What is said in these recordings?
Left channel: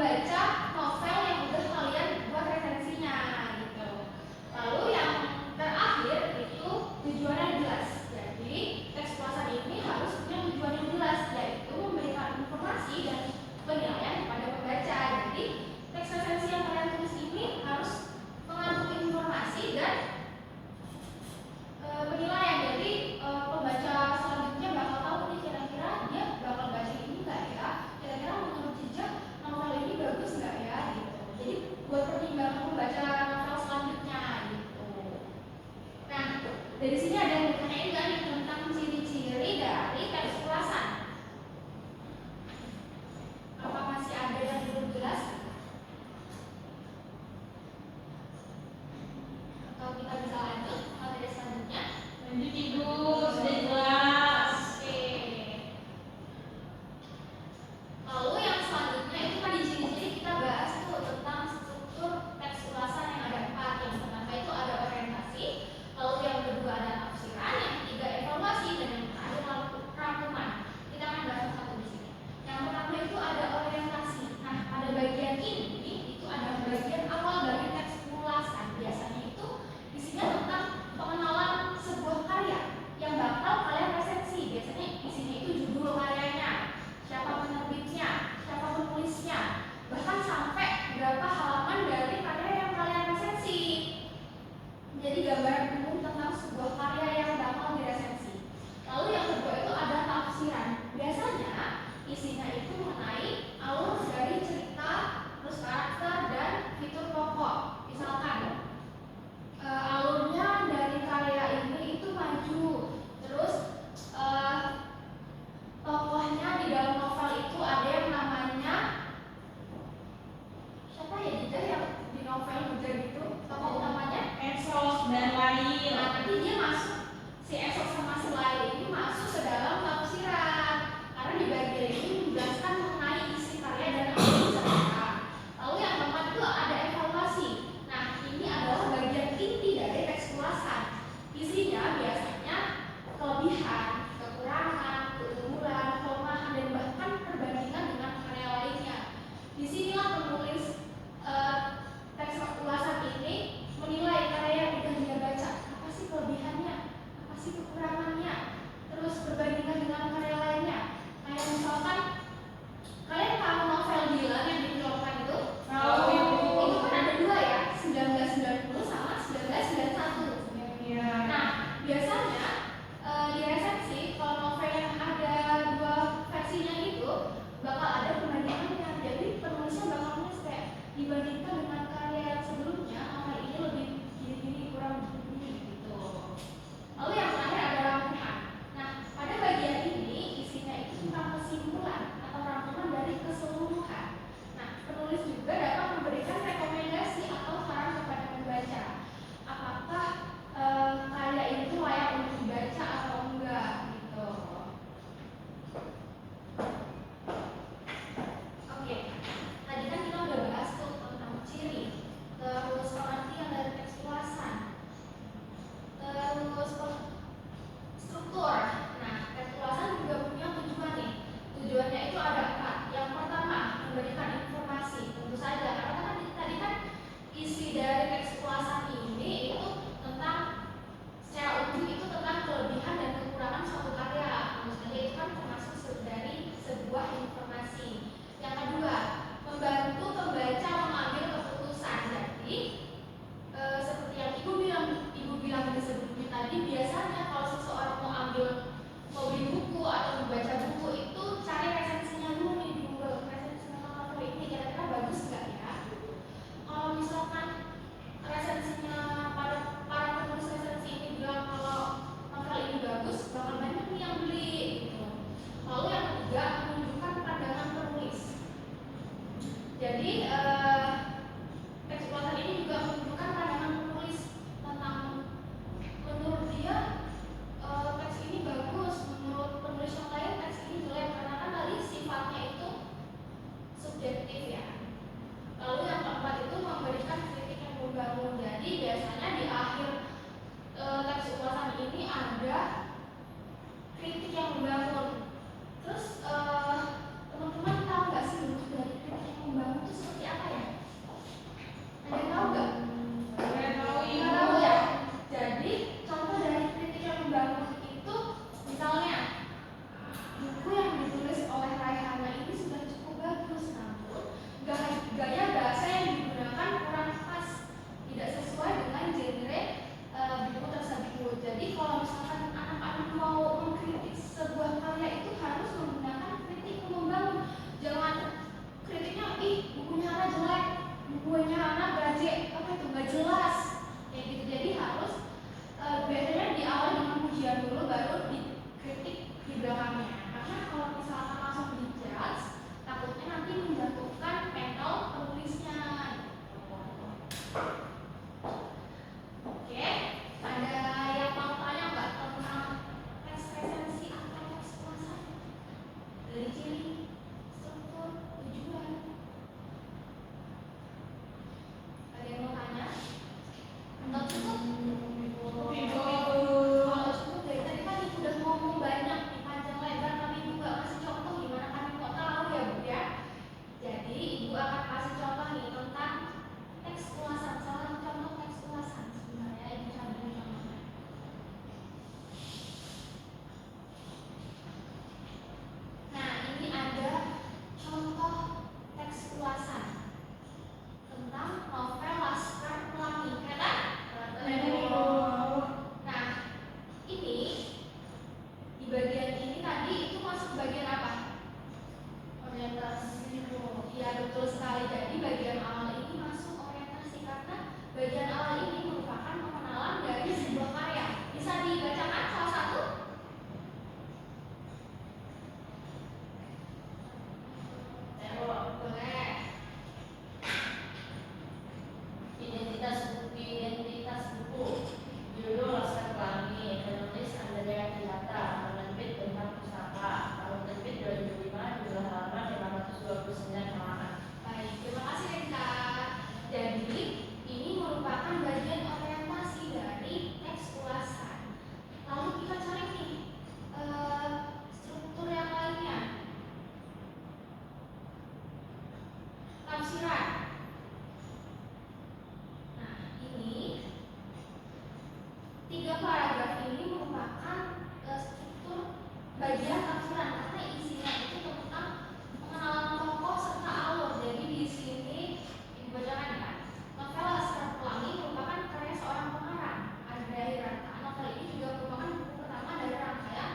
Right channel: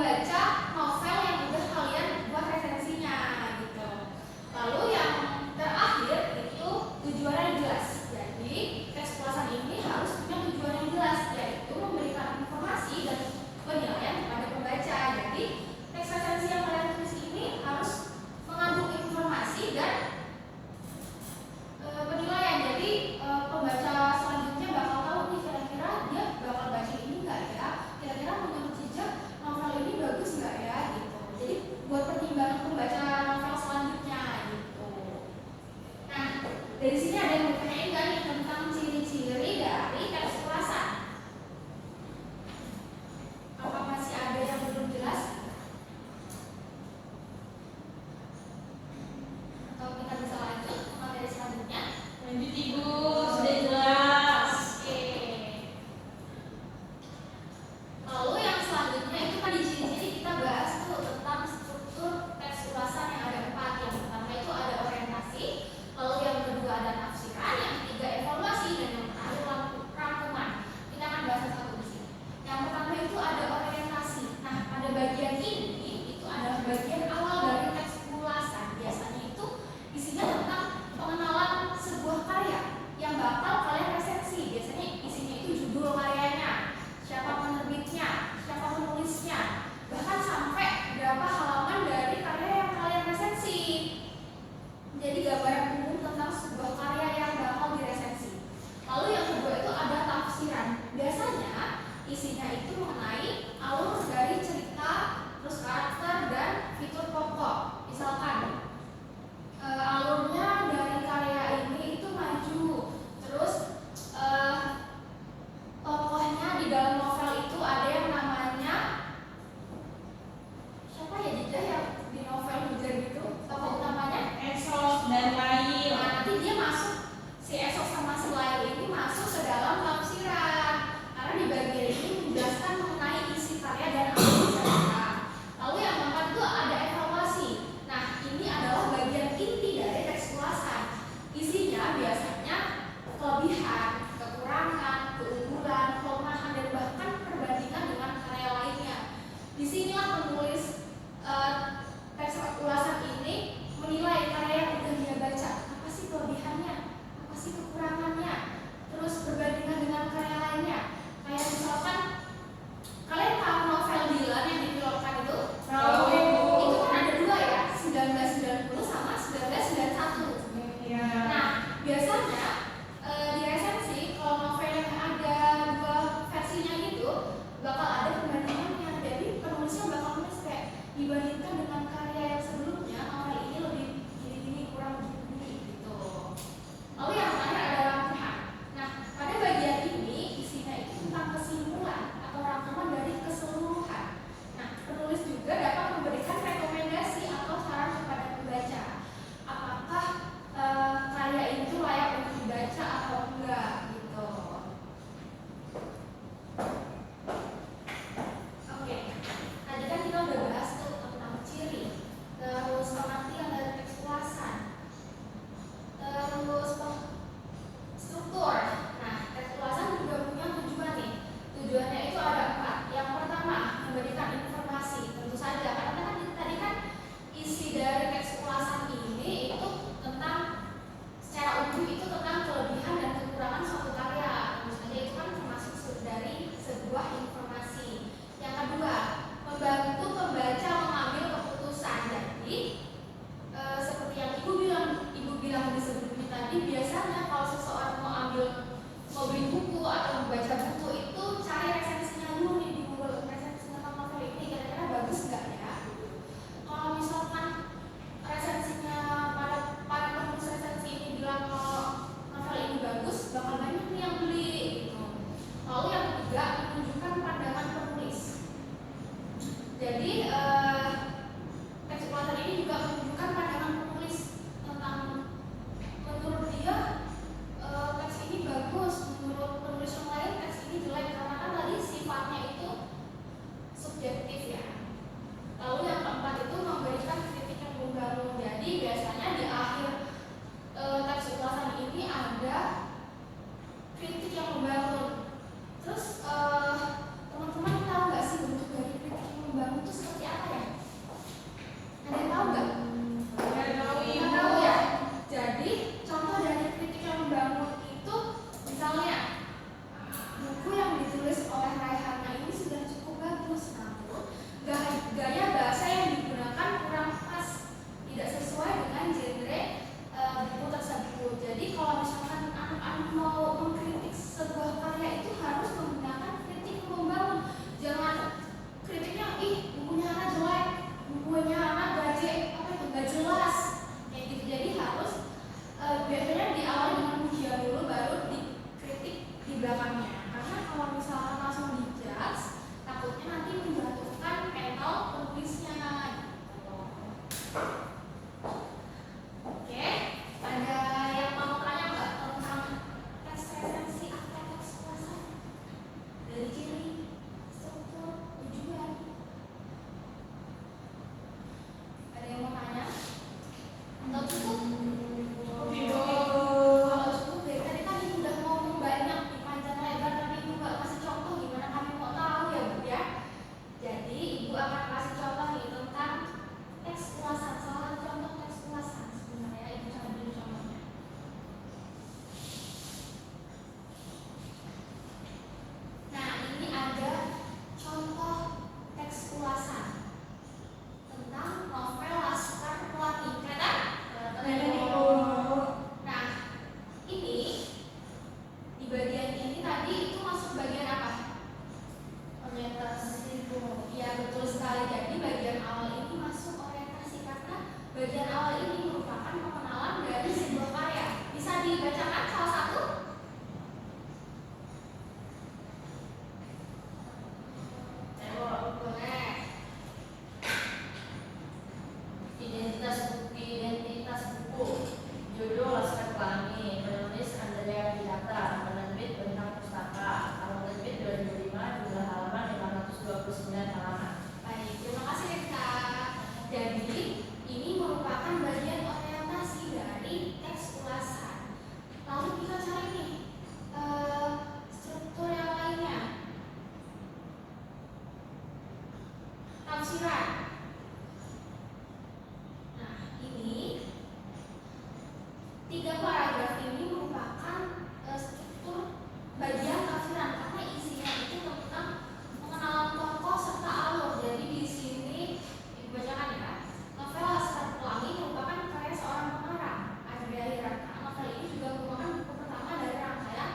membaca novel yang udah kalian buat resensinya gitu. Lalu yang terakhir itu tujuannya jelas. Jadi teks ulasan ini harus punya tujuan yang jelas, yaitu memberikan informasi dan penilaian kepada pembaca. Jadi teks resensi yang kalian tulis ini harus mengandung informasi dan penilaian. Jadi pembaca selanjutnya bakal tahu nih kira-kira dia bakal baca ini nggak ya, kira-kira menurut jejak novel ini bagus nggak ya gitu. Jadi buat pertimbangan pembaca novel selanjutnya gitu. Nah, dari sini ada yang ditanyain kan tentang ciri-ciri dari teks ulasan. Apa masih ada yang belum jelas? Atau kita bisa lanjut ke materi selanjutnya? Lanjut Ibu, sudah jelas. Oke. Lalu yang selanjutnya itu kan di ciri-ciri kita bahas tuh tentang struktur teks ulasan yang ada 4. Yang pertama itu ada orientasi, lalu yang kedua ada tafsiran, yang ketiga evaluasi, dan yang terakhir rangkuman. Kita akan bahas satu di sini. Yang pertama itu ada orientasi. Nah, pada bagian ini itu adalah bagian awal dari teks ulasan. Biasanya itu isinya tentang pengenalan sebuah karya yang bakal kalian resensi. Biasanya isinya itu judul karyanya, siapa penerbitnya, siapa penulisnya, bahkan sampai berapa halaman dari karya yang kalian resensi. Jadi gambaran umum tentang sebuah karya yang bakal diresensi. Lalu yang kedua itu ada tafsiran. Biasanya isinya itu mengenai alur dari cerita, terus karakter dan fitur pokok. Misalkan alurnya dari karya ini itu maju, terus tokohnya di dalam novel itu ada yang namanya siapa ya, Dida, yang di novel Hujan itu tokoh utamanya Esok dan lain. Nah, nanti dia masuk, si Esok sama si Lail ini masuk ke dalam tafsiran karena di bagian ini menjelaskan betul sekali. Jadi bagian awal ini masuk orientasi karena bagian awal ini merupakan pengenalan dari sebuah karya. Bisa dibacakan salah satu? Boleh. Identitas buku. Judul Laskar Pelangi. Penulis Andrea Piata. Penerbit Bentang Pustaka. Tahun terbit 2005. Jumlah halaman 529 halaman. Baik, terima kasih Rita. Jadi ini merupakan bagian orientasi dari teks ulasan. Lalu kita cari nih struktur yang lainnya. Tafsiran. Nah, ini 3 paragraf ini merupakan struktur bagian tafsiran karena isinya itu tentang pengenalan tokoh serta alur. Jadi di sini ibu bacakan ya. Novel Laskar Pelangi merupakan karya seorang pengarang, Andrea Hirata. Novel ini juga merupakan buku pertama dari rangkaian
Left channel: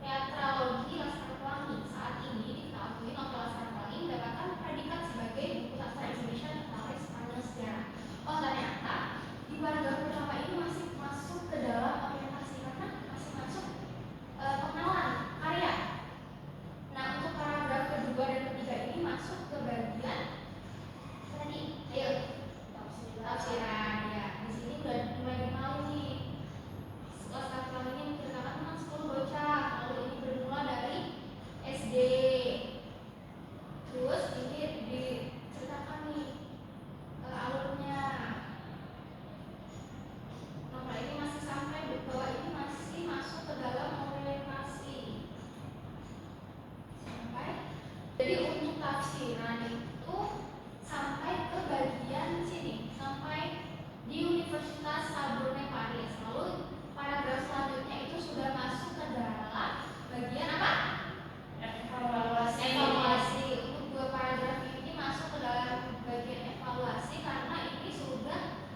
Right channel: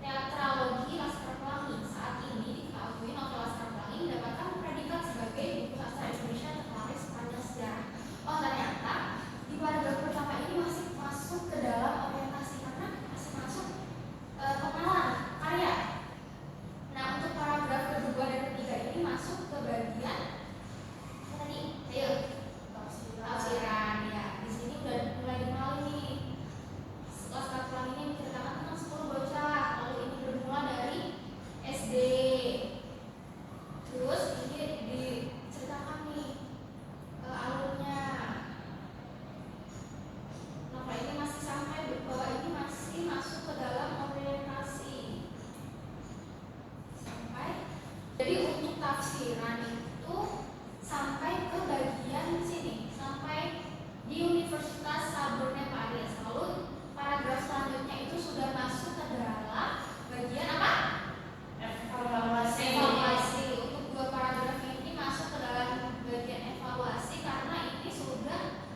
teatralogi Laskar Pelangi. Saat ini diketahui novel Laskar Pelangi mendapatkan predikat sebagai buku sastra Indonesia terlaris sepanjang sejarah. Oh, ternyata di paragraf pertama ini masih masuk ke dalam orientasi karena masih masuk pengenalan karya. Nah, untuk paragraf kedua dan ketiga ini masuk ke bagian tadi, ayo tafsiran ya. Di sini udah mulai dikenal nih. Laskar Pelangi ini menceritakan tentang 10 bocah. Lalu ini bermula dari SD. Terus ini diceritakan nih alurnya. Novel ini masih sampai bahwa ini masih masuk ke dalam orientasi. Jadi untuk tafsiran itu sampai ke bagian sini, sampai di Universitas Sorbonne Paris. Lalu paragraf selanjutnya itu sudah masuk ke dalam bagian apa? Evaluasi. Untuk 2 paragraf ini masuk ke dalam bagian evaluasi karena ini sudah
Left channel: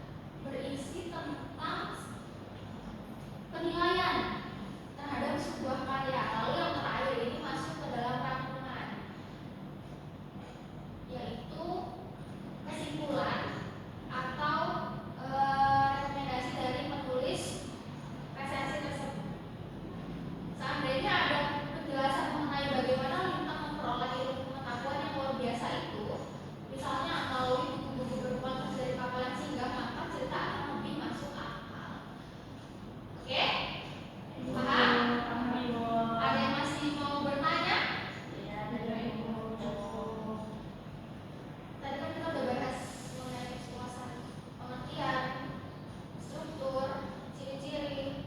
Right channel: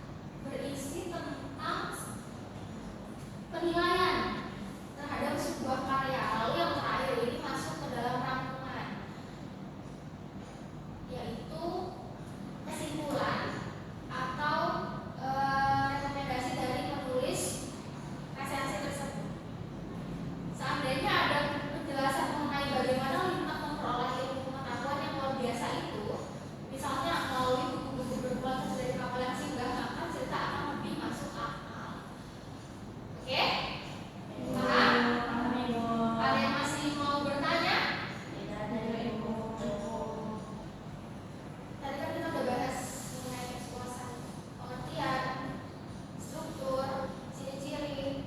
berisi tentang penilaian terhadap sebuah karya. Lalu yang terakhir ini masuk ke dalam rangkuman, yaitu kesimpulan atau rekomendasi dari penulis resensi tersebut. Seandainya ada penjelasan mengenai bagaimana Lintang memperoleh ilmu pengetahuan yang luar biasa itu, misalnya melalui buku-buku berkualitas dari Kapelan Singgah, maka cerita akan lebih masuk akal. Oke? Paham? Ada yang masih mau bertanya? Tadi kan kita udah bahas mengenai teks ulasan, pengertian, struktur, ciri-ciri.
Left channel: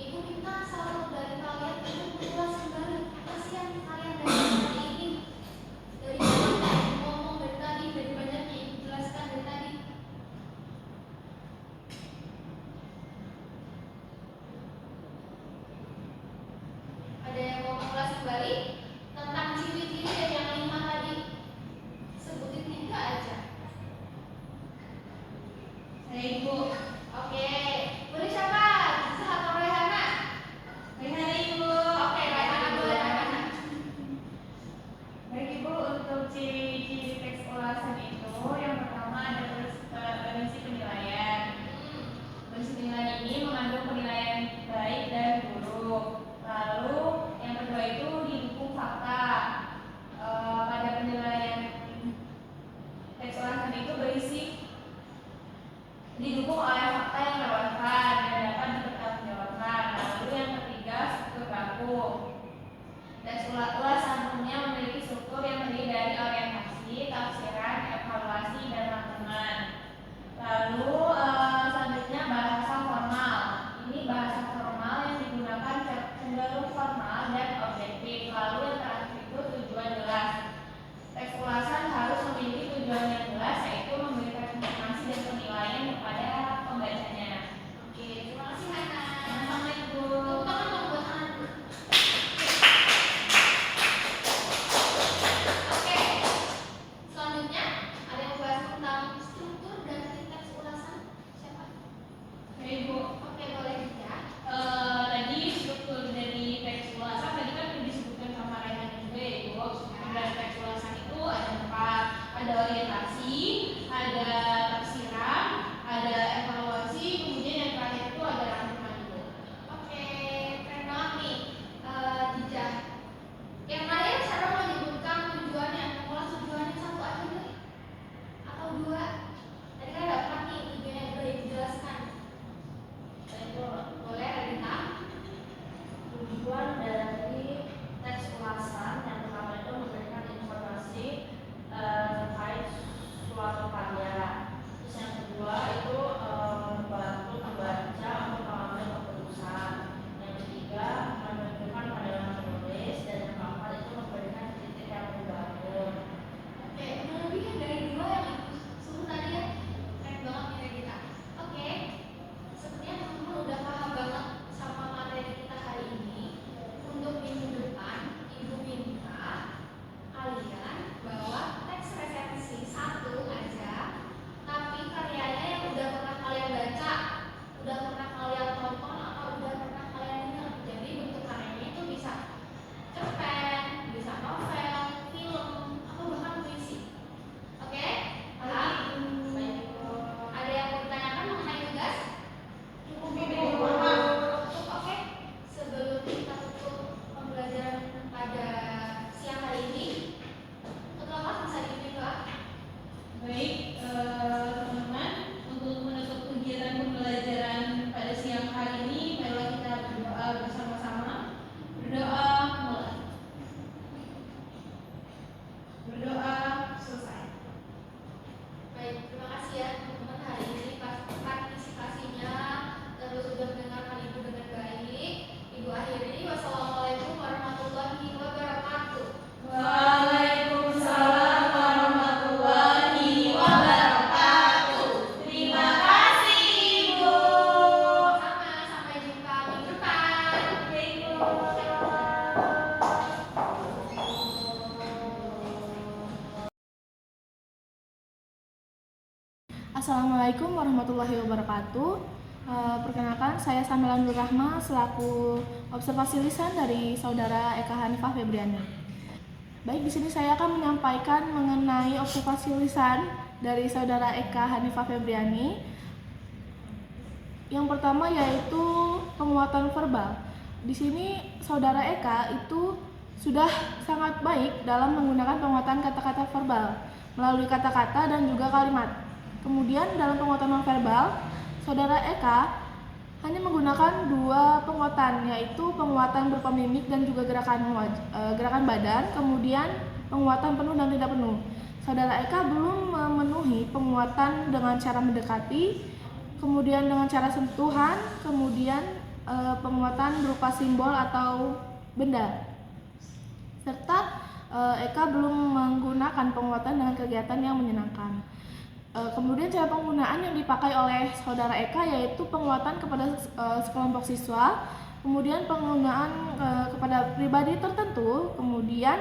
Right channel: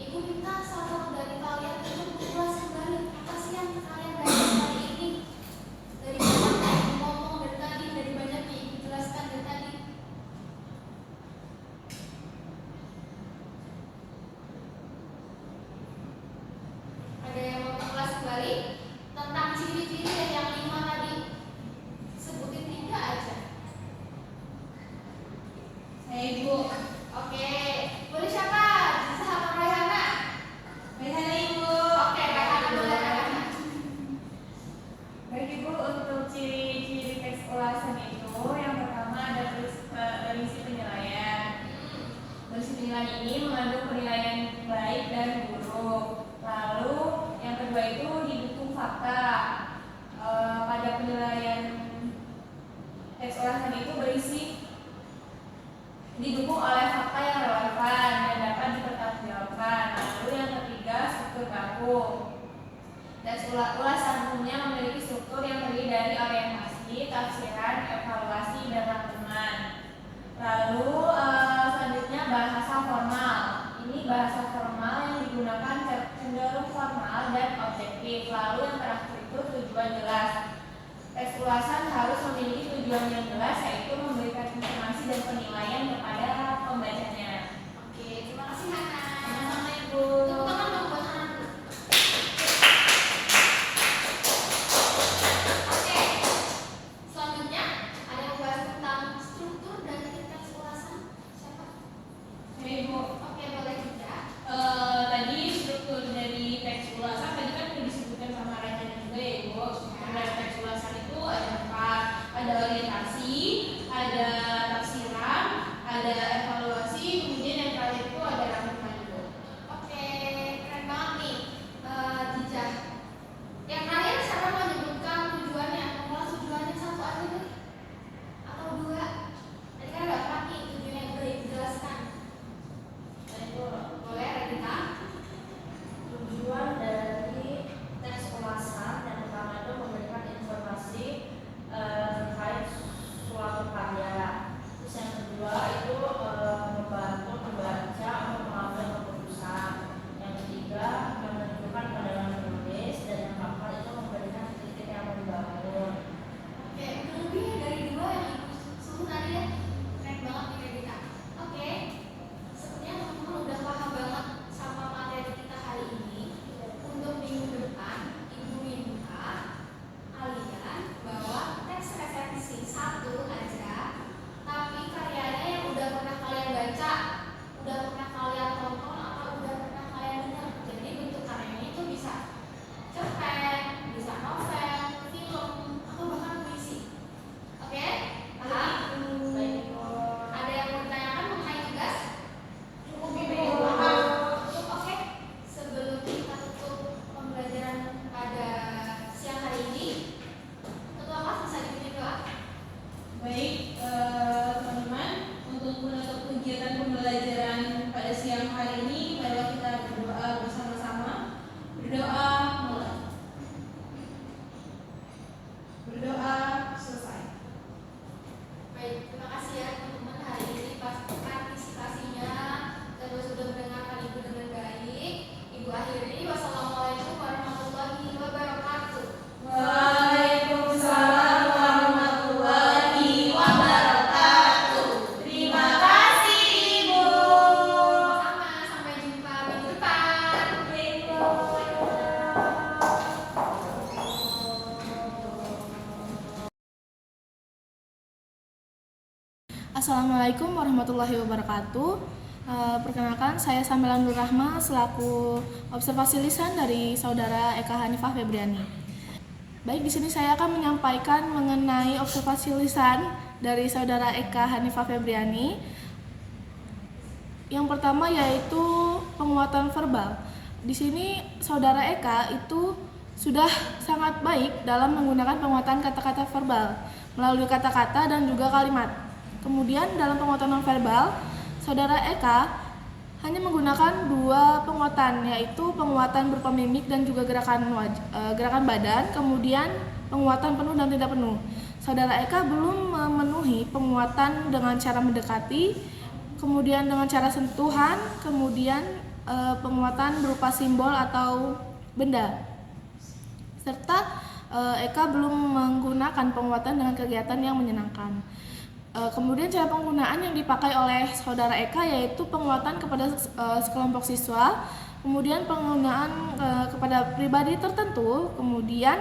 Ibu minta salah satu dari kalian untuk mengulas kembali apa sih yang kalian belajar hari ini, dari banyaknya ibu ngomong dari tadi, dari banyaknya ibu jelaskan dari tadi. Ada yang mau mengulas kembali tentang ciri-ciri dari yang 5 tadi? Sebutin 3 aja. Saya Ibu. Oke, boleh siapa? Zisa atau Raihana? Raihana Ibu. Oke, Raihana boleh Raihana. Baik Ibu, untuk ciri-ciri teks ulasan itu yang pertama ada berisi penilaian. Berisi penilaian ini mengandung penilaian baik dan buruk. Lalu yang kedua itu didukung fakta. Pada penilaian teks ulasan itu berisi didukung oleh fakta yang relevan dan dapat dipertanggungjawabkan. Lalu yang ketiga struktur baku. Teks ulasan umumnya memiliki struktur yang terdiri dari orientasi, tafsiran, evaluasi, dan rangkuman. Lalu selanjutnya bahasa formal. Ini bahasa formal yang digunakan cenderung formal dan objektif. Lalu yang terakhir itu tujuan jelas. Assalamualaikum warahmatullahi wabarakatuh. Perkenalkan, saya Samila Nur Rahma selaku observasi lisan dari saudara Eka Hanifah Febriani. Baik, di sini saya akan menyampaikan mengenai observasi lisan dari saudara Eka Hanifah Febriani. Yang pertama yaitu penguatan verbal. Di sini saudara Eka itu sudah sangat baik dalam menggunakan penguatan kata-kata verbal melalui kata-kata dan juga kalimat. Kemudian dalam penguatan nonverbal, saudara Eka hanya menggunakan 2 penguatan, yaitu penguatan berupa mimik dan juga gerakan badan, kemudian penguatan penuh dan tidak penuh. Saudara Eka belum memenuhi penguatan dengan cara mendekati, kemudian dengan cara sentuhan, kemudian penguatan berupa simbol atau benda. Serta Eka belum menggunakan penguatan dengan kegiatan yang menyenangkan. Kemudian cara penggunaan yang dipakai oleh saudara Eka yaitu penguatan kepada sekelompok siswa, kemudian penggunaan kepada pribadi tertentu, kemudian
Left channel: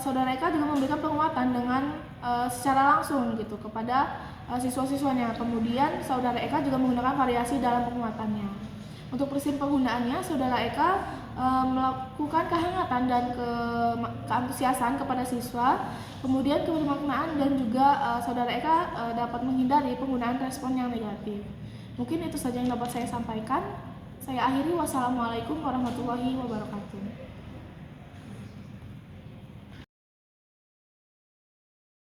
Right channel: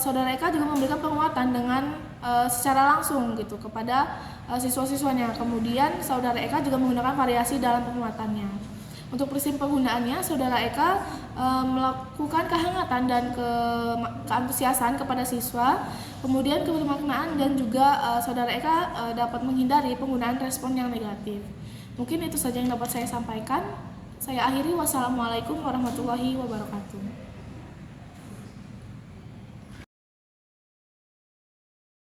saudara Eka juga memberikan penguatan dengan secara langsung gitu kepada siswa-siswanya. Kemudian saudara Eka juga menggunakan variasi dalam penguatannya. Untuk prinsip penggunaannya, saudara Eka melakukan kehangatan dan keantusiasan kepada siswa, kemudian kebermaknaan, dan juga saudara Eka dapat menghindari penggunaan respon yang negatif. Mungkin itu saja yang dapat saya sampaikan. Saya akhiri, wassalamualaikum warahmatullahi wabarakatuh.